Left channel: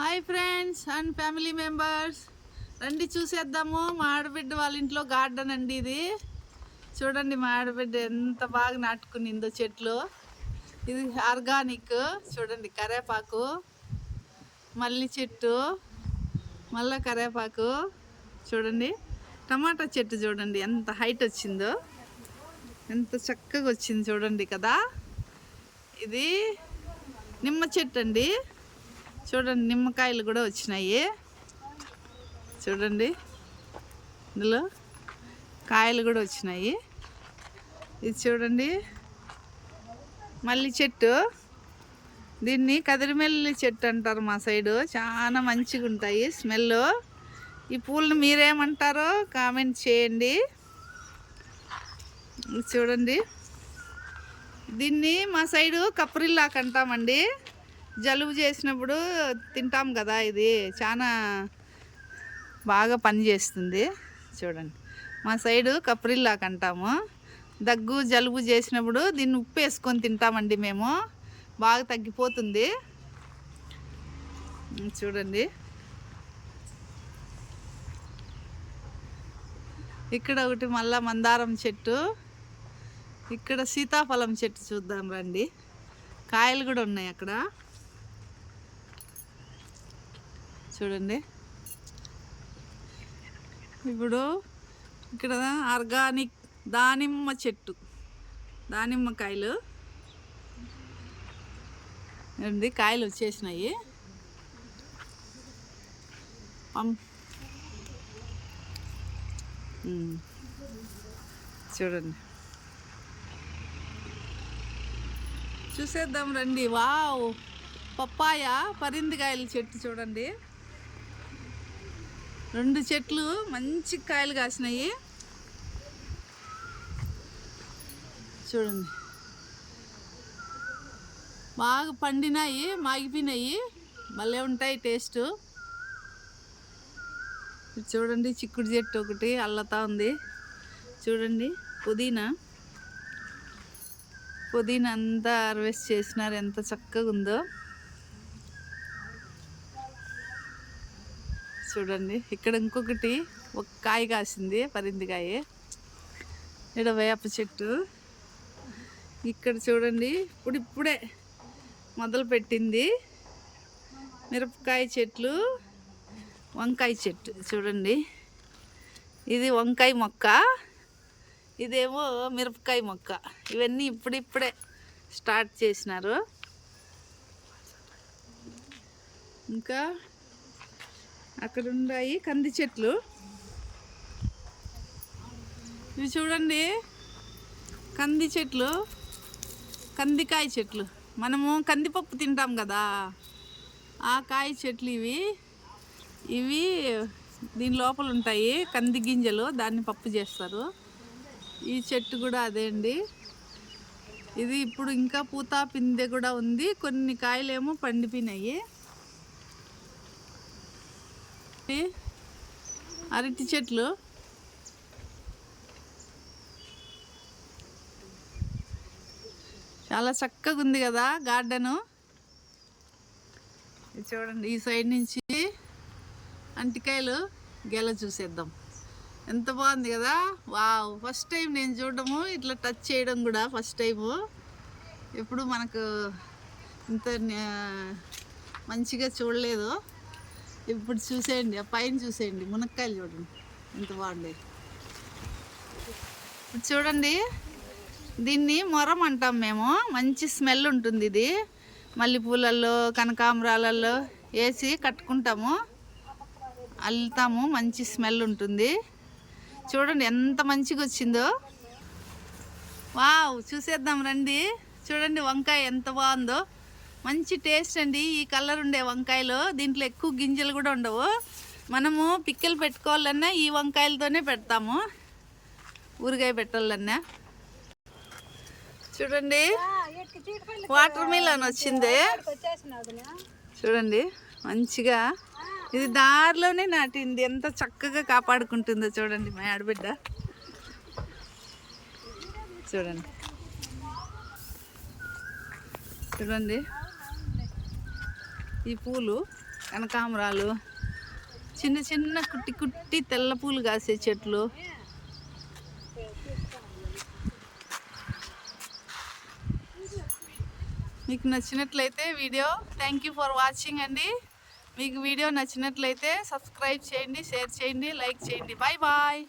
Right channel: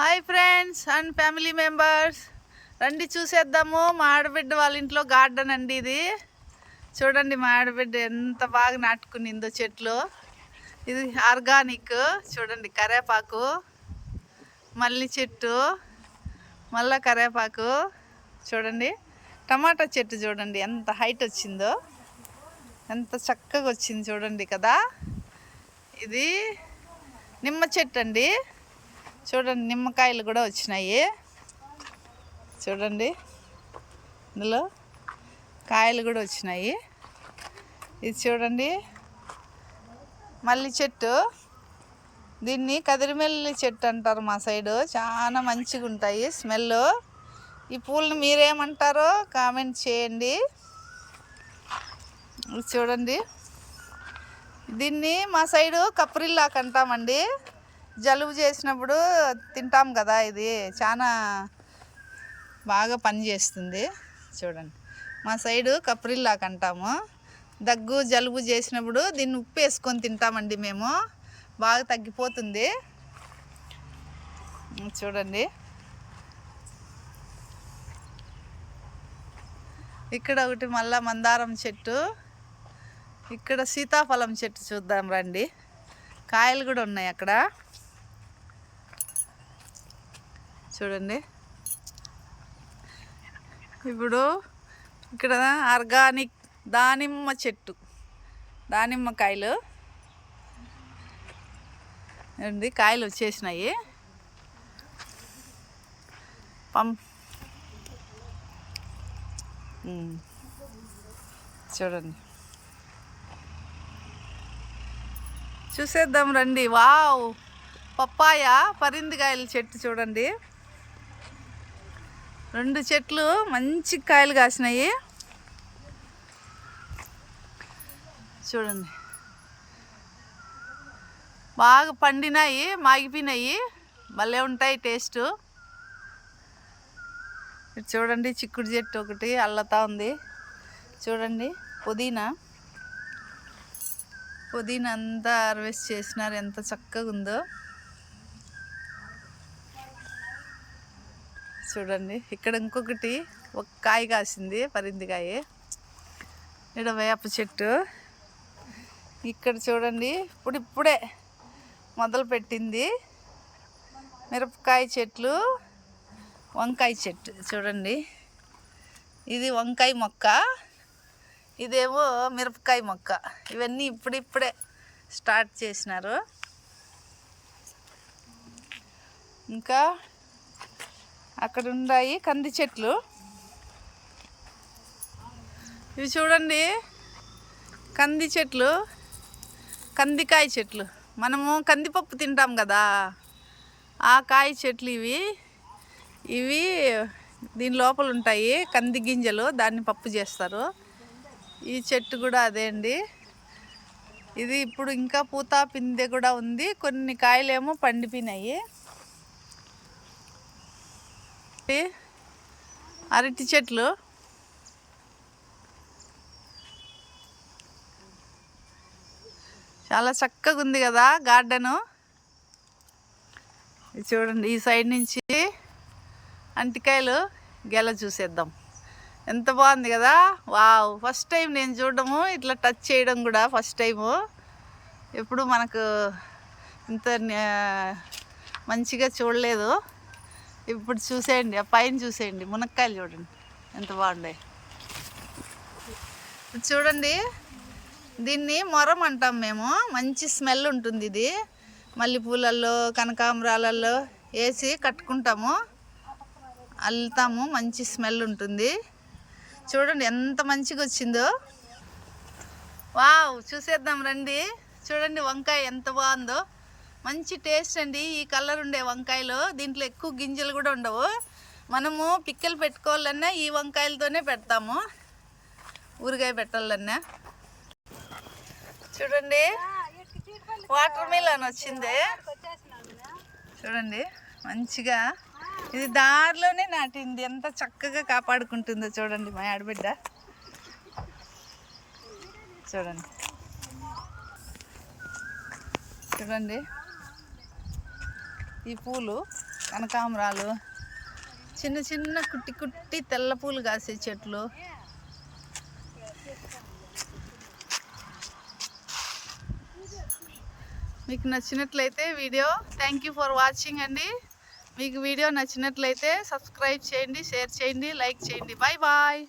Hi friends and family members, రండి చూసేద్దాము. మా ఆడబిడ్డ వాళ్ళ ఇంట్లో గార్డెన్ అండి ఇది. చూడండి మా ఆడబిడ్డ ఎంత బాగా నాటుకునిందో చెట్లు. ఇది ఆర్గానిక్. చూడండి కరేపాకు, మల్లి చెట్టు, మళ్ళా కరేపాకు. చూడండి టమాటా చెట్టు చూడండి ఎంత హైట్ వచ్చిందో, ఎంత చక్కగా వచ్చింది చూడండి కదా. ఇది నిమ్మ చెట్టు అండి. చూడండి నిమ్మకాయలు కూడా వచ్చినాయి. చూడండి ఇందులో కాయలు కూడా వచ్చినాయి. ఇది చూడండి మల్లి చెట్టు. దీన్ని కదిరిమల్లి చెట్టు అంటారు మా సైడు. చాలా మంచిగా ఉంటాయి స్మెల్. ఈ పూలను మీరేమంటారో కామెంట్ చేయండి. చూడండి దీన్ని మా సైడు కప్రిల్లాకు అంటామండి. జలుబు చేసినప్పుడు తింటాం కదా. ఇది చాలా బాగా పనిచేస్తుంది. చూడండి మా సైడు కప్రిల్లాకు అంటాము. దగ్గు జలుబు చేసినప్పుడు దీన్ని ఉప్పు వేసుకొని తింటామండి మేము. బాగా తగ్గిపోతుంది. చూడండి ఇక్కడ ఒకటి మళ్ళా మందారం చెట్టు. ఇక్కడ సీతాఫలం చెట్టు చూద్దాం రండి. కాయలు కూడా ఉన్నాయి అక్కడ. చూడండి ఇప్పుడు ఇక్కడ ఆర్గానిక్ దానిమ్మ చెట్టు, దానిమ్మకాయలు అండి. కాయలు వచ్చేసినాయి. చూడండి చూసేద్దాం రండి. వావ్, పప్పాయ పరిందికాయల చెట్టు చూడండి. 2 చెట్లు మంచి కాయలు కాసినాయి. చూడండి బాగా పండినాయి, మాగిపోయినాయి. భలే ఉంటాయి టేస్ట్. చూడండి చిక్కుడు చెట్టు ఒకటి అల్లతా ఉంది. చూడండి పుదీనా అంతా హార్వెస్ట్ చేసినారు. ఎంత చక్కగా ఉందో చూడండి. ఇక్కడ ఇంకొకటి ఒక కాయ కాసింది, పరిందికాయ. ఇక్కడ వేప చెట్టు. ఇక్కడ చూడండి ఇప్పుడిప్పుడే మొదలు పెట్టింది మిరపకాయ చెట్లు, వంకాయ చెట్టు. చూడండి ఇది వంకాయ మొక్క, ఇదేమో మిరపకాయ మొక్క. ఇవన్నీ ఇప్పుడిప్పుడే స్టార్ట్ చేసినారు. ఇంకా అక్కడ ఉన్నాయి కంది చెట్లు. ఇవి చూడండి కంది చెట్లు, కందికాయ చెట్లు. మనము కందిపప్పు తింటాం కదా, ఆ కాయ చెట్లు ఇవి దీని లోపల ఉంటాయి కంది గింజలు. దాన్ని పప్పు చేస్తారు. ఈ చెట్టు కూడా అదే అండి. ఇది ఇప్పుడు ఇంకా పూత పిందె కూడా ఉంది. కొన్ని కాయలేమో పండిపోయినాయి. అరటి చెట్లు. చాలా చక్కగా ఉంది కదా గార్డెను. చూడండి ఈ సైడ్ నుంచి అంటికాయలు గెల చూసేద్దాం. ఎంత బాగుంది కదా. వావ్, ఫస్ట్ టైం నేను చూడడము, ఇట్లా టచ్ చేయడం కూడా ఫస్ట్ టైము. ఎప్పుడు మనకు ఇంత మంచిగా చూడలేదు. ఇప్పుడు చూసేయండి, ఆ పైన చూసేయండి మునక్కాయలు చూడండి ఎంత బాగున్నాయి. ఇప్పుడు చూడండి దీన్ని మొరం అంటాం మేము. మంచి స్మెల్ ఉంటుంది ఇది. మల్లెపూలల్లో కనకాంబరాలలో వేసి కట్టుకుంటాము, అల్లుతాము. మంచి స్మెల్ ఉంటుంది. చూడండి ఎంత మంచిగా వచ్చిందో. వావ్, చూసేద్దాం రండి. చూడండి వంకాయ ఎంత బాగుందో. మంచి టేస్ట్ అండి ఈ కలర్ ఉండే వంకాయలు. దీంట్లో ఎక్కువ గింజలు కూడా ఉండవు. మనము పిక్కలు పెట్టుకోవాలన్నా ఈ వంకాయలతోనే పెడతాము, ఊరగాయ పెట్టాలన్నా. చూడండి వాటర్ మిలన్ వచ్చింది. చూడండి మంచిగా ఇది దారిలోనే నాటింది. ఎంత చక్కగా కాపాడుకుంటుందో చూడండి మా ఆడబిడ్డ. చూడండి చూడండి ఈ పూలు కనకాంబరాలు, చిన్న చిన్న కుట్టి కుట్టి తెల్ల పూలు కాసే చెట్లు. మీకు నచ్చినట్లయితే video thank you for watching అండి. మీకు వీడియో నచ్చినట్లయితే సబ్స్క్రైబ్ చేయండి, షేర్ చేయండి, లైక్ చేయండి. Bye bye.